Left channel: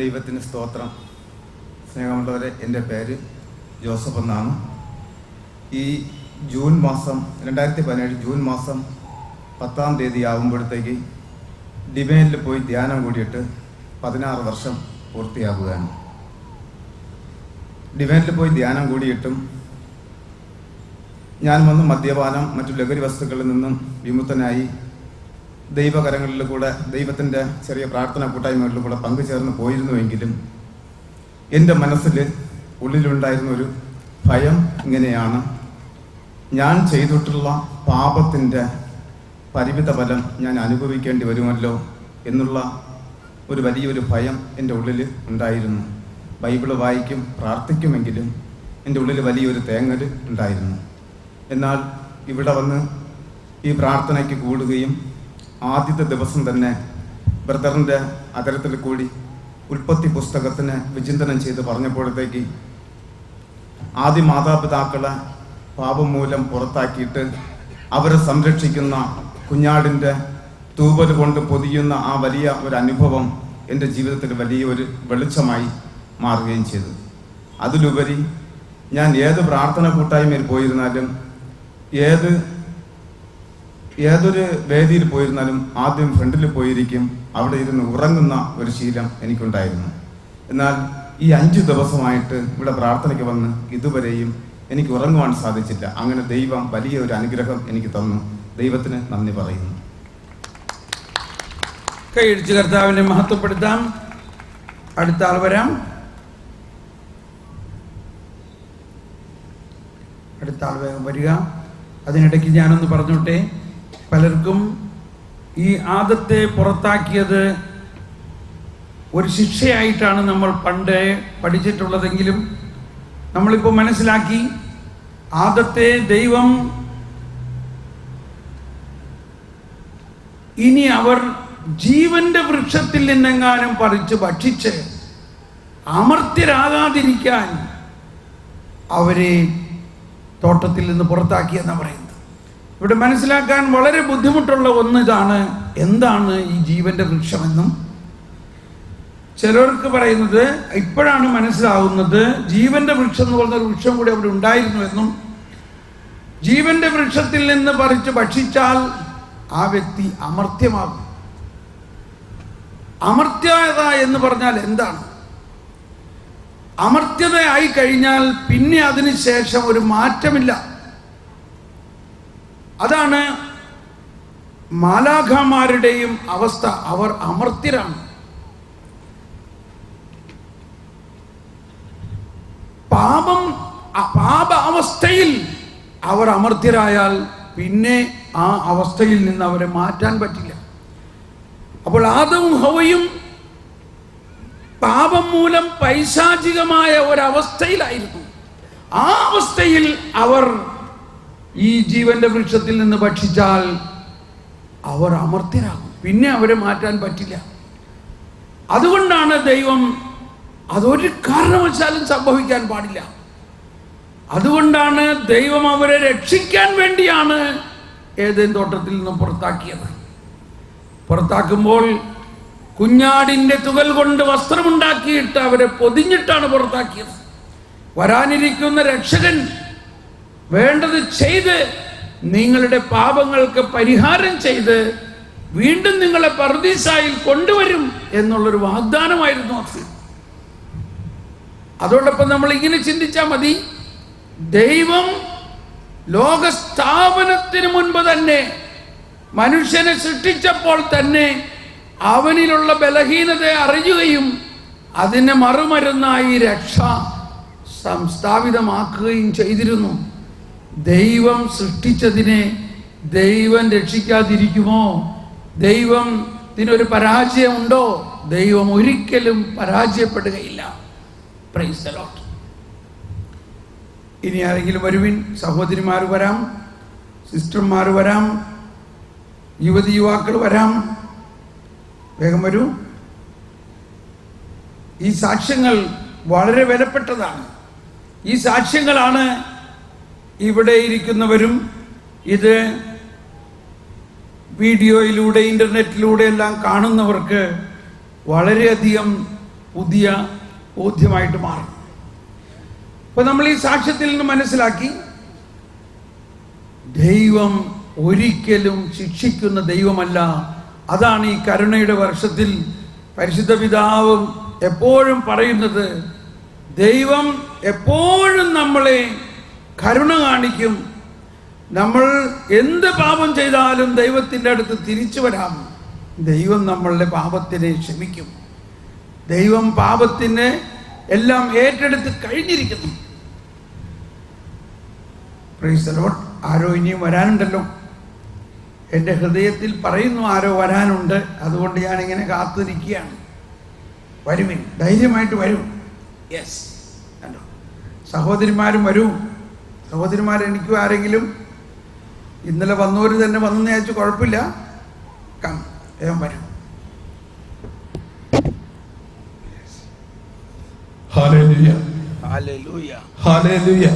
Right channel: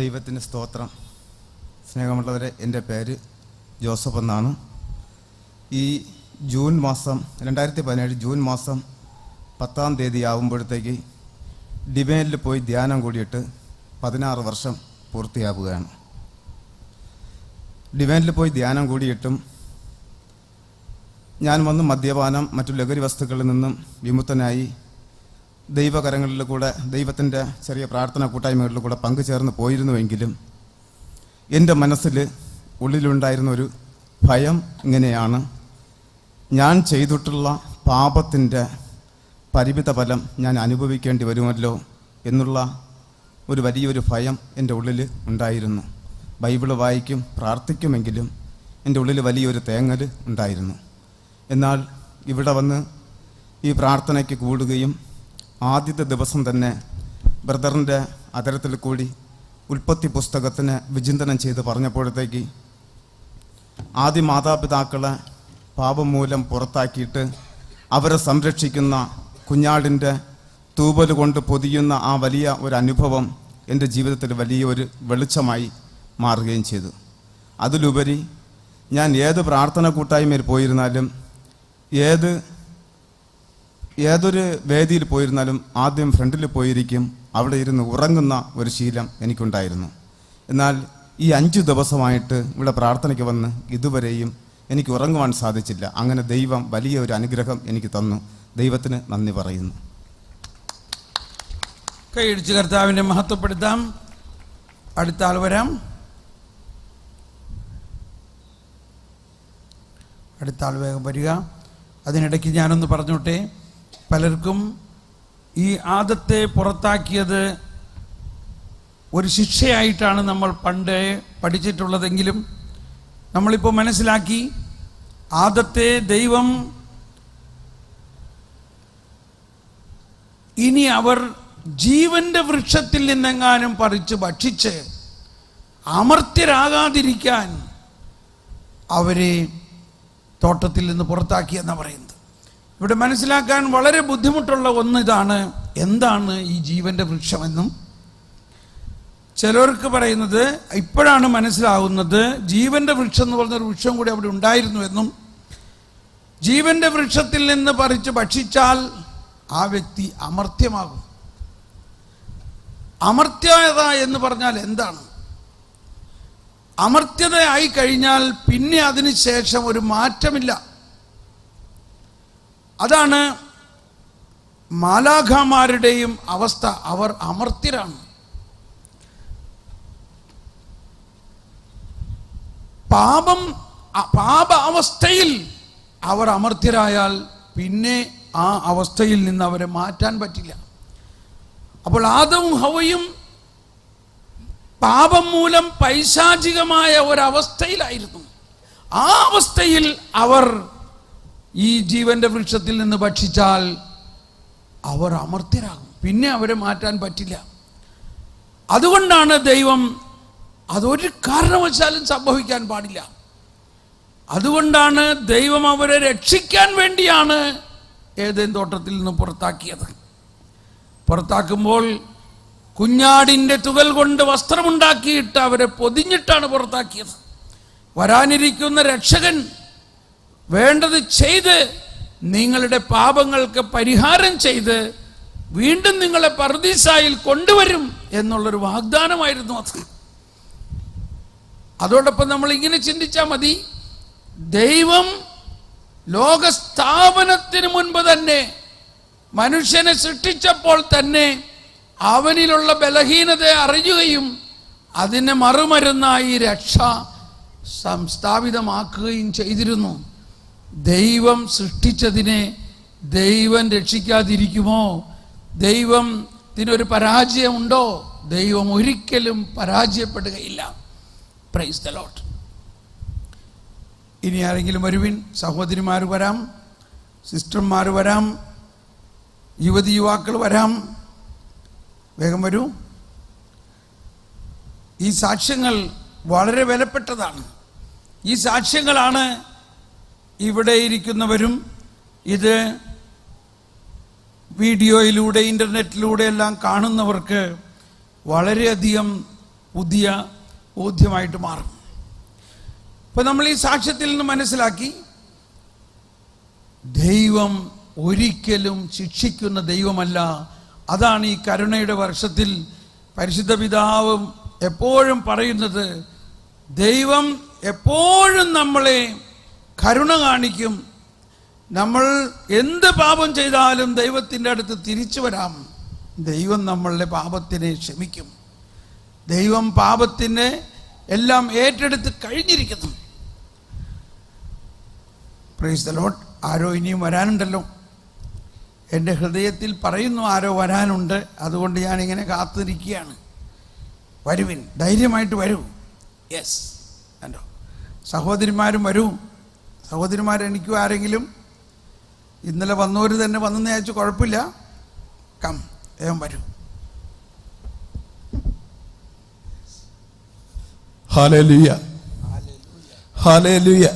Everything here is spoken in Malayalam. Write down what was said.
ദൈവത്തിന് സ്തോത്രം. സ്നേഹമുള്ളവരെ, എൻ്റെ പേര് ജോസഫ് എന്നാണ്. ഈ ജൂൺ മാസം 2017 ജൂൺ മാസം 10-ാം തീയതി ആകുമ്പോഴത്തേക്ക് ഡിവൈനിൽ പോയി ധ്യാനം കൂടിയിട്ട് 16 വർഷം പൂർത്തിയാവുകയാണ്. ഡിവൈനിൽ പോയി ധ്യാനം കൂടിയിട്ടും ഞാൻ വന്ന് മദ്യപാനം മറ്റു ലഹരി വസ്തുക്കളിൽ നിന്നും വിമുക്തനായി ദൈവകരങ്ങളിൽ കൂടെ ദൈവത്തിൻ്റെ ചെറിയ പ്രാർത്ഥന കൂട്ടായ്മകളിൽ കൂടെ പങ്കുചേർന്ന് പോയിരുന്നുവെങ്കിലും എൻ്റെ മനസ്സിൽ ഉള്ളിലുണ്ടായിരുന്ന ഒരു ഭയം ഇങ്ങനെയാണ്: ഞാൻ ചെയ്തിട്ടുള്ള പാപത്തിൻ്റെ പരിമിത ഫലം ഞാൻ അനുഭവിക്കേണ്ടി വരുമല്ലോ എന്നുള്ള ഒരു വലിയൊരു ഭയം എൻ്റെ ഉള്ളിൽ ഉണ്ടായിരുന്നു. ബൈബിള് വായിക്കും, പ്രാർത്ഥിക്കുമെങ്കിലും എൻ്റെ ഉള്ളിൽ വലിയൊരു തേങ്ങൽ ഉണ്ടായിരുന്നു. എന്നാൽ ഇവിടെ വന്ന് ഈ പ്രാർത്ഥനയ്ക്ക് കൂടുകയും ആദ്യത്തെ ദിവസം തന്നെ ബ്രദറിൻ്റെ അതരത്തിൽ കൂടി ഉൽപ്പത്തി പുസ്തകത്തിന് വിചിന്തനം ചെയ്ത് പറഞ്ഞപ്പോഴത്തേക്ക് ആദ്യ മാതാപിതാക്കളെ പാപം മൂലം പുറത്താക്കിയിട്ട് അവരെ സംരക്ഷിക്കുന്ന കുഞ്ഞാടിൻ്റെ തൂവൽ കൊണ്ട് പൊതിയുന്ന ആ വലിയ ഒരു അനുഭവം എൻ്റെ ജീവിതത്തിൽ വലിയൊരു വെളിച്ചമായി മാറുകയും ചെയ്തു. അതിലുപരി ഞാൻ ഏത് പ്രാർത്ഥന കൂട്ടായ്മയിൽ പോയിരുന്നാലും ഏതൊരു വേദിയിൽ പോയിരുന്നാലും ആദ്യം ഫ്രണ്ടിൽ പോയിരിക്കും, അവിടെ ഇരുന്ന് ഉറങ്ങുന്ന ഒരു ശീലം എനിക്കുണ്ടായിരുന്നു. എന്നാൽ ഈ 5 ദിവസമായിട്ട് ഇവിടെ പ്രാർത്ഥനയ്ക്ക് വന്ന് ഇതുവരെയും എനിക്ക് ഉറങ്ങുവാൻ സാധിച്ചില്ല. അങ്ങനെ ദൈവം വലിയ ഒരു അനുഗ്രഹം എനിക്ക് തന്നു. ദൈവത്തിന് നന്ദി പറയുന്നു. കൈയടിച്ച് കർത്താവിനെ മഹത്വപ്പെടുത്താം. അടുത്ത ആൾ വരാം. അടുത്ത ആൾ വേഗം വരിക. അതിനിടയ്ക്ക് ഞാനൊന്ന് പറഞ്ഞോട്ടെ, പലർക്കും ഈ ആദത്തെ പുറത്താക്കിയത് ഒരു ശിക്ഷയായിട്ടാണ് നമ്മൾ പണ്ട് പഠിച്ചിട്ടുള്ളതെങ്കിലും നമ്മളിപ്പോൾ മനസ്സിലാക്കി, ആദത്തെ ദൈവം ഇനി അവർ ജീവന്റെ വൃക്ഷത്തിൽ നിന്നെങ്ങാനും പറിച്ച് ഭക്ഷിച്ച് അമർത്യരാകാതിരിക്കാൻ അവരെ തോട്ടത്തിൽ നിന്ന് പുറത്താക്കിയെന്നാണ് പറയുന്നത്. ഇവിടെ മനസ്സിലാക്കാൻ വളരെ ബുദ്ധിമുട്ടുള്ള ഒന്ന് ഇതാണ്: എന്താണ് ഈ ജീവന്റെ വൃക്ഷമെന്നും. ചിലർക്ക് പറയുന്നത് ഇപ്പോഴാണ് മനസ്സിലാകുന്നത്, ജീവന്റെ വൃക്ഷം എന്ന് പറഞ്ഞൊരു വൃക്ഷം കൂടി അവിടെ ഉണ്ടായിരുന്നു എന്നും, ജീവന്റെ വൃക്ഷത്തിൽ നിന്ന് പറിച്ച് ഭക്ഷിച്ചാൽ ആ വ്യക്തി അമർത്യമാകും. അമർത്യത എന്ന് പറഞ്ഞാൽ എന്താണ്? അമർത്യതയായി കഴിഞ്ഞാൽ പിന്നെ അതിന് ശേഷം ഒരു മാറ്റമില്ല. അതാണ് മാലാഖമാരുടെയും അവസ്ഥ. അവർ അമർത്യരാണ്. പാപാവസ്ഥയിൽ അവർ അമർത്യരായാൽ പിന്നെ ആ അവസ്ഥയിൽ നിന്ന് അവരെ മാറ്റാൻ പറ്റില്ല. അപ്പോൾ ആദവും ഹവ്വയും പാപം മൂലം പൈശാചികമായ ഒരവസ്ഥയിലായിരുന്നു. ആ അവസ്ഥയിൽ അവർ ഈ ജീവന്റെ വൃക്ഷത്തിൽ നിന്ന് ഭക്ഷിച്ചാൽ അവർ അമർത്യരാകും. പിന്നെ അവരെ മാറ്റാൻ പറ്റില്ല. അതുകൊണ്ടാണ് ദൈവം അതൊരു കാരണവശാലും സംഭവിക്കാൻ പാടില്ല. അതുകൊണ്ടാണ് ദൈവം അവരെ രക്ഷിക്കാൻ വേണ്ടിയാണ് ഏദെൻ തോട്ടത്തിൽ നിന്ന് പുറത്താക്കിയത്. പുറത്താക്കുമ്പോൾ കുഞ്ഞാടിൻ്റെ തുകൽ കൊണ്ട് വസ്ത്രമുണ്ടാക്കിയിട്ട് അവരെ പൊതിഞ്ഞിട്ടാണ് പുറത്താക്കിയത്. വരാനിരിക്കുന്ന രക്ഷകൻ വേണ്ടത് ചെയ്ത് നിങ്ങളുടെ പാപങ്ങൾക്ക് പരിഹാരം ചെയ്ത് വീണ്ടും നിങ്ങളെ പർദീസായിൽ കൊണ്ടുവരും എന്നുള്ളൊരു വാഗ്ദാനമായിരുന്നു അത്. അതോടൊപ്പം നമ്മൾ ഇങ്ങനെ ചിന്തിച്ചാൽ മതി: ദൈവം ലോകസ്ഥാപനത്തിന് മുൻപ് തന്നെ മനുഷ്യനെ സൃഷ്ടിച്ചപ്പോൾ തന്നെ അവനിലുള്ള ബലഹീനതയെ അറിയുകയും അതിന് മറുമരുന്നായി രക്ഷ സംസ്ഥാപിതമാക്കുകയും ചെയ്തിരുന്നു. ദൈവം സൃഷ്ടിച്ചതിനെ ദൈവം രക്ഷിക്കാതിരിക്കുമോ? ദൈവത്തിനൊരു പരാജയമുണ്ടോ? ദൈവം ഒരിക്കലും പരാജയപ്പെടുകയില്ല. Praise the Lord. ഇനി ആരെങ്കിലും വരുവിൻ. സഹോദരിമാർ വരാം, സിസ്റ്റർമാർ വരാം, യുവതി യുവാക്കൾ വരാം. വേഗം വരൂ. ഈ സാക്ഷ്യങ്ങൾ വളരെ വിലപ്പെട്ടതാണ്. ഈ സാക്ഷ്യങ്ങളാണ് ഇവിടെ ഇരിക്കുന്നവരും ഇത് വീഡിയോയിലൂടെ ഇൻ്റർനെറ്റിലൂടെ എല്ലാം കാണുന്നവർക്ക് വളരെയധികം പുതിയ ബോധ്യമായിട്ട് മാറും. അപ്പോൾ നമ്മൾ ഈ സാക്ഷ്യത്തിൽ നിന്ന് മനസ്സിലാക്കി, ദൈവം ഒരിക്കലും ശിക്ഷിക്കുന്ന ദൈവമല്ല. അതാണ് ഈ കരുണയുടെ വർഷത്തിൽ പരിശുദ്ധ പിതാവും എപ്പോഴും പറയുന്നത്. ദൈവം എപ്പോഴും നമ്മളെ കരുണ കാണിക്കും. നമ്മൾ എന്ത് പാപം ചെയ്താലും ദൈവത്തിൻ്റെ അടുത്ത് തിരിച്ചു വരാം. ദൈവം നമ്മളുടെ പാപത്തിനെ ക്ഷമിക്കും. ദൈവം പാപത്തിന് എല്ലാം ഏറ്റെടുത്ത് കഴിഞ്ഞിരിക്കുന്നു. Praise the Lord. ആരോ ഇനിയും വരാനുണ്ടല്ലോ. എൻ്റെ ഹൃദയത്തിൽ പറയുന്നു ആരോ വരാനുണ്ട്. അതുകൊണ്ട് ഞാനിങ്ങനെ കാത്തിരിക്കുകയാണ്. വരുവിൻ, ധൈര്യമായിട്ട് വരൂ. യെസ്, അല്ലോ സഹോദരിമാരും വരൂ. സഹോദരിമാരെനിക്കും ആരെങ്കിലും ഇന്നലെ വന്നവർ തന്നെ വന്നെന്ന് അയച്ചു, കുഴപ്പമില്ല. കം, വേഗം വരൂ. Hallelujah, hallelujah, hallelujah.